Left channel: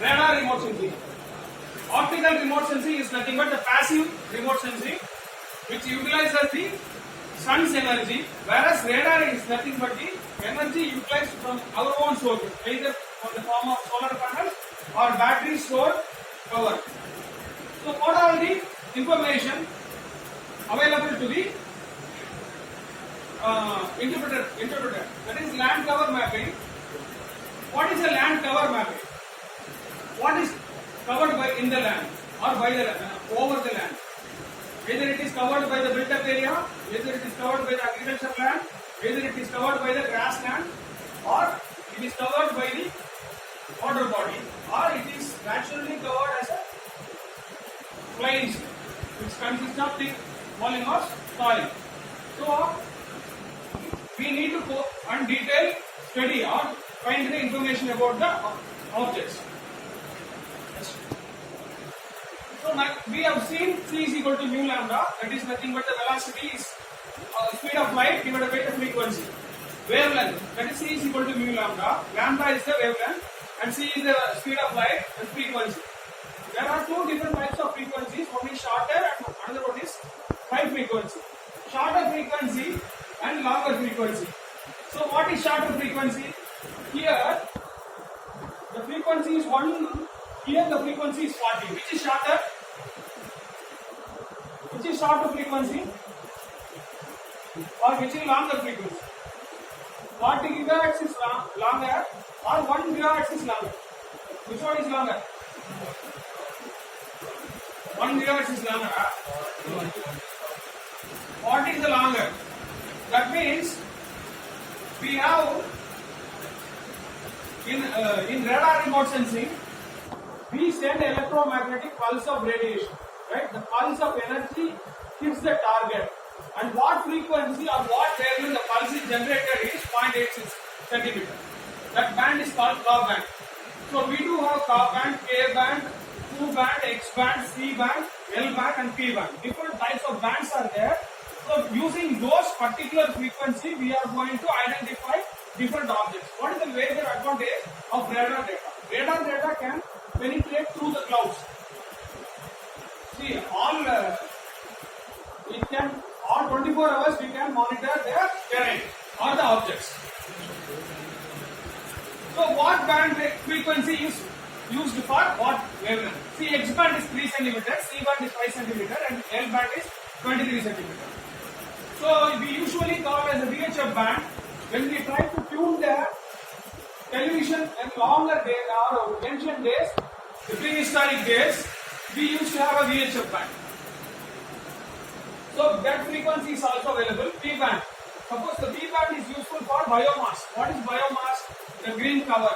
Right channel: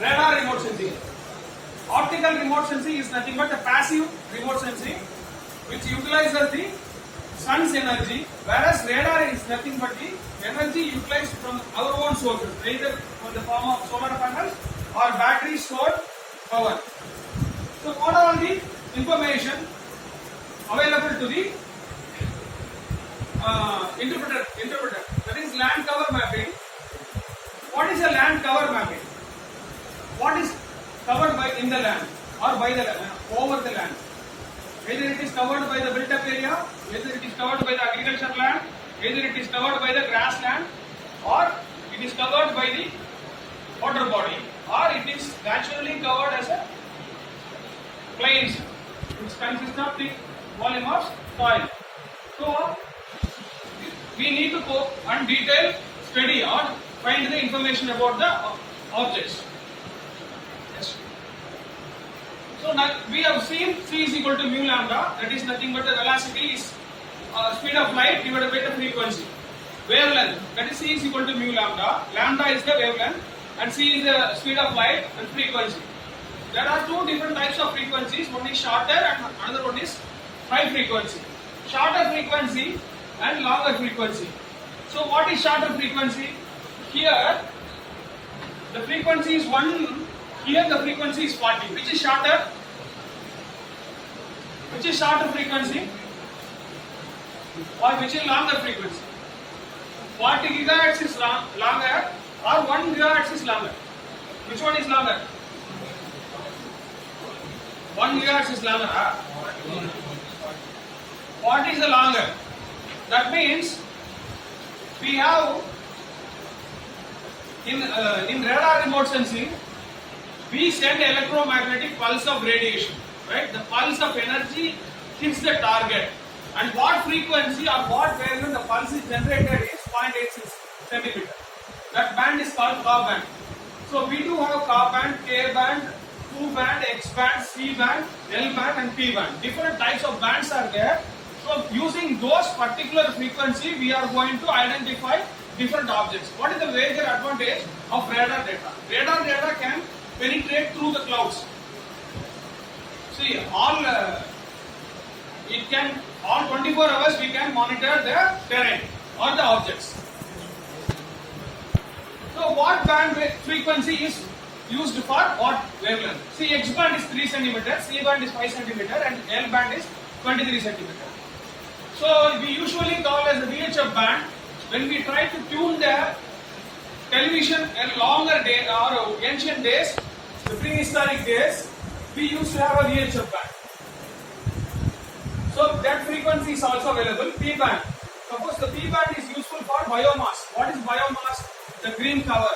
radar remote sensing. Optical remote sensing is nothing but the passive remote sensing which utilizes the sun's energy, whereas radar is nothing but the energy utilized from our own sources, either from the form of solar panels or battery stored power. So what are the information available to the interpreter? That is land cover mapping. What is a land cover mapping? What is covered by in the land or by the over the land? Whether it is covered by the built-up area, whether it is covered by the agricultural land, whether it is covered by the grassland, or it is covered by the water body, or it is naturally covered as a plains, which consists of the volume of soil. So we need to go and detail study or find the information about the objects. Yes. So now we have seen C is equal to mu lambda, that is nothing but the velocity is speed of light divided by the frequency. Wavelength, that is C is equal to mu lambda. Lambda is the wavelength and C is the speed of light and frequency. There are two different types of frequencies. One is shorter and another one is high frequency. Shorter frequency and longer frequency. So what is shorter frequency? Here the frequency is 1. Here the frequency is 40. Which is shorter? Which is shorter frequency? Or which is longer frequency? 40 gigahertz is longer or 1 gigahertz is longer? Which one is longer? 1 gigahertz is longer. What is the longer? That means we have in radar remote sensing, we send electromagnetic pulse of radiation, right? The pulse of energy hits the target, and what frequency or what wavelength the pulse is generated is 0.86 centimeter. That band is called Ka band. So we do have Ka band, K band, Q band, X band, C band, L band and P band. Different types of bands are there. So using those particular frequency, we are going to identify different objects. What is the major advantage of radar data? Radar data can penetrate through the clouds. See, all 24 hours we can monitor the terrain or the objects. So what band frequency is used for what wavelength? See, X band is 3 cm, C band is 5 cm and L band is 23 cm. So we usually call as the VHF band. When we try to tune the television in longer day or ancient days, the prehistoric days, we used to have a VHF band. So that frequency is also available. P band. Suppose the P band is useful for biomass. What is biomass? The green cover.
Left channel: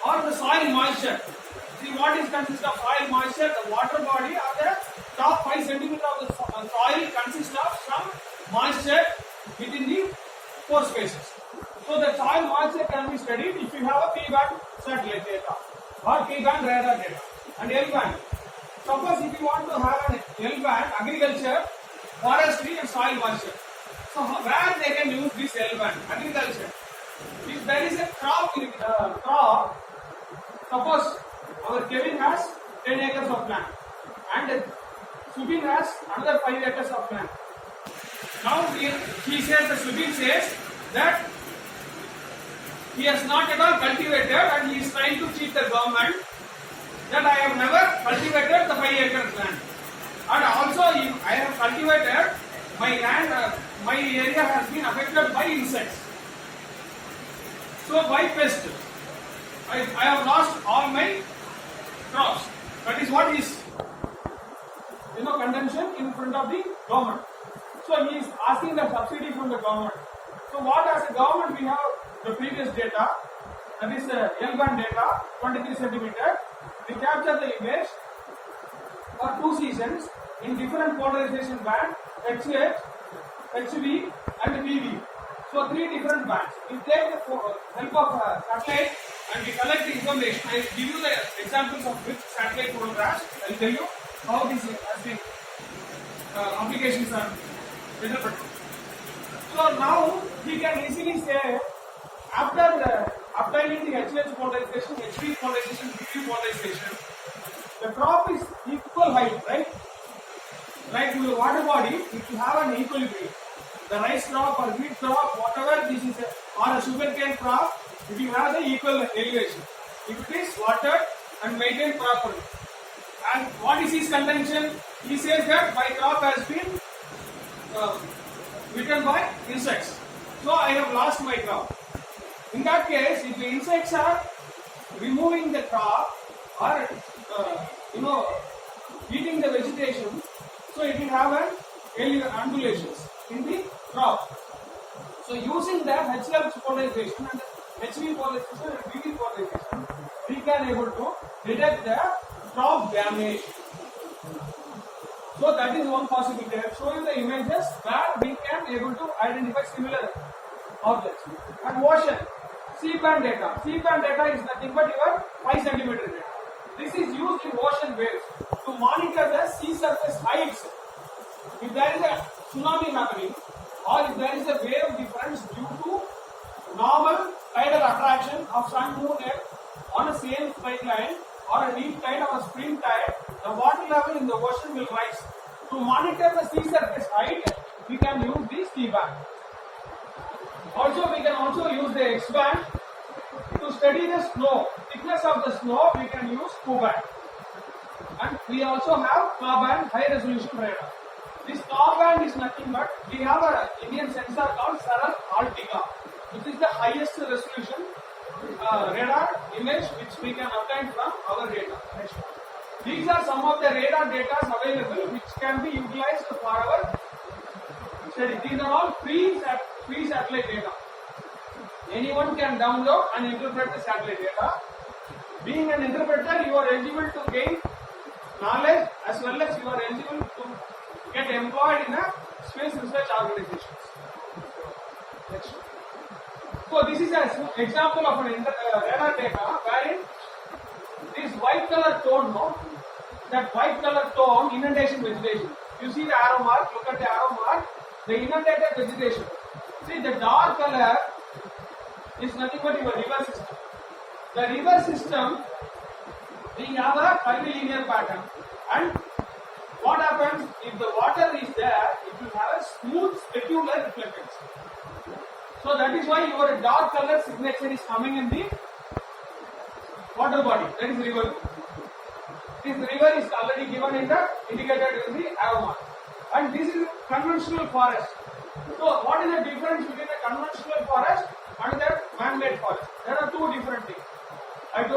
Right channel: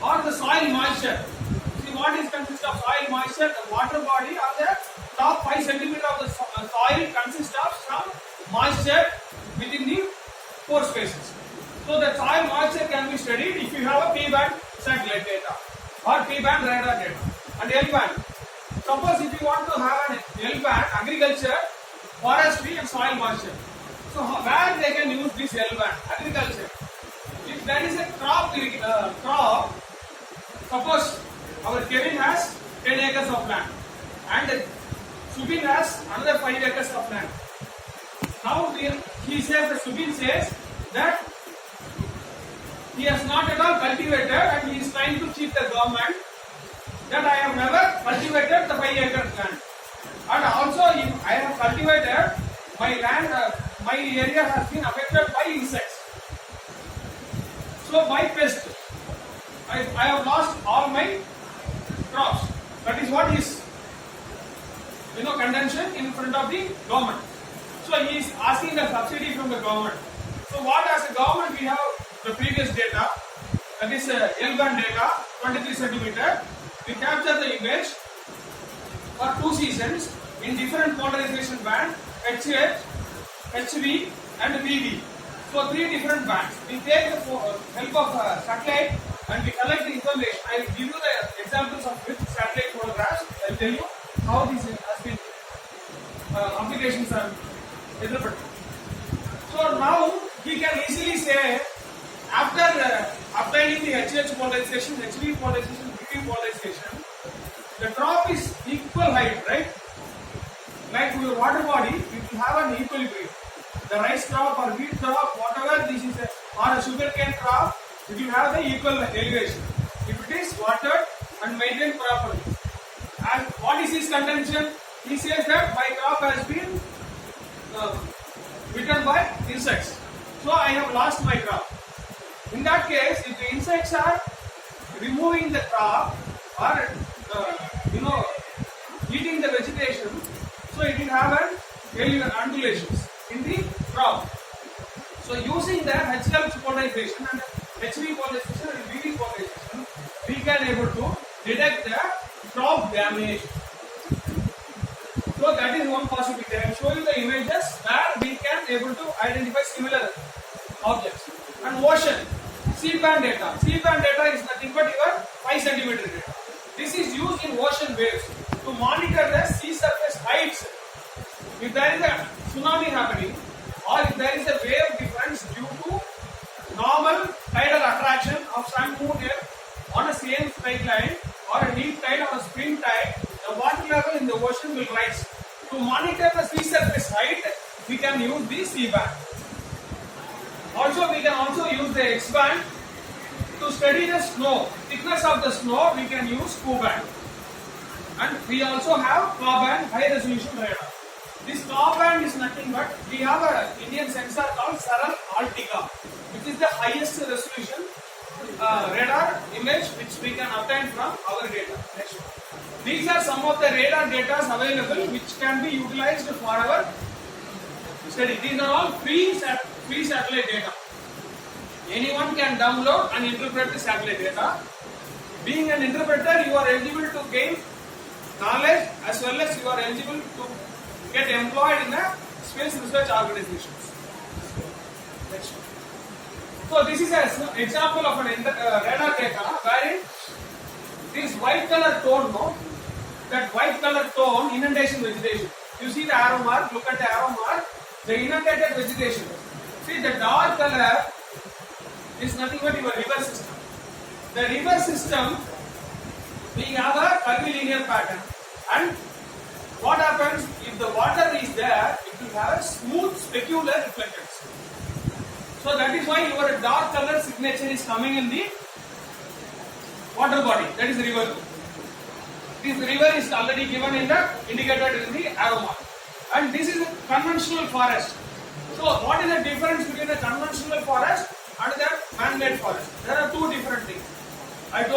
Or the soil moisture. See, what is consist of soil moisture? The water body or the top 5 cm of the soil consists of some moisture within the pore spaces. So the soil moisture can be studied if you have a P band satellite data or P band radar data. And L band. Suppose if you want to have an L band, agriculture, forestry and soil moisture. So where they can use this L band? Agriculture. If there is a crop, suppose our Kevin has 10 acres of land and Subin has another 5 acres of land. Now he says, the Subin says that he has not at all cultivated and he is trying to cheat the government that I have never cultivated the 5 acres land. And also if I have cultivated my land, my area has been affected by insects. So by pest, I have lost all my crops. That is what is contention in front of the government. So he is asking the subsidy from the government. So what as a government we have the previous data, that is L band data, 23 centimeter. We capture the image for 2 seasons in different polarization band, HH, HV and VV. So 3 different bands. We take the help of satellite and we collect the information. I will give you the examples of which satellite photographs. I will tell you how this has been applications are interpreted. So now he can easily say after obtaining the HH polarization, HV polarization, DV polarization, the drop is equal height, right? Like your water body, it will have an equilibrium. The rice crop or wheat crop, whatever this is, or a sugarcane crop, it will have the equal elevation. If it is watered and maintained properly. And what is his contention? He says that my crop has been bitten by insects. So I have lost my crop. In that case, if the insects are removing the crop or eating the vegetation, so it will have an undulations in the crop. So using the HL polarization and HV polarization and VV polarization, we can able to detect the crop damage. So that is one possibility. I will show you the images where we can able to identify similar objects. And ocean, C-band data. C-band data is nothing but your 5 centimeter data. This is used in ocean waves to monitor the sea surface heights. If there is a tsunami happening or if there is a wave difference due to normal tidal attraction of sun, moon, earth on a same straight line or a deep tide or a spring tide, the water level in the ocean will rise. To monitor the sea surface height, we can use the C-band. Also, we can also use the X-band. To study the snow, thickness of the snow, we can use Q-band. And we also have Ka-band, high resolution radar. This Ka-band is nothing but, we have an Indian sensor called Saral Altica, which is the highest resolution radar image which we can obtain from our data. Next one. These are some of the radar data available which can be utilized for our study. These are all free satellite data. Anyone can download and interpret the satellite data. Being an interpreter, you are eligible to gain knowledge as well as you are eligible to get employed in a space research organizations. Next one. So this is an example of an radar data wherein this white color tone, that white color tone, inundation vegetation. You see the arrow mark, look at the arrow mark, the inundated vegetation. See the dark color is nothing but your river system. The river system, we have a curvilinear pattern, and what happens if the water is there, it will have a smooth specular reflectance. So that is why your dark color signature is coming in the water body, that is river. This river is already given in the indicated in the arrow mark. And this is a conventional forest. So what is the difference between a conventional forest and the man-made forest? There are two different things.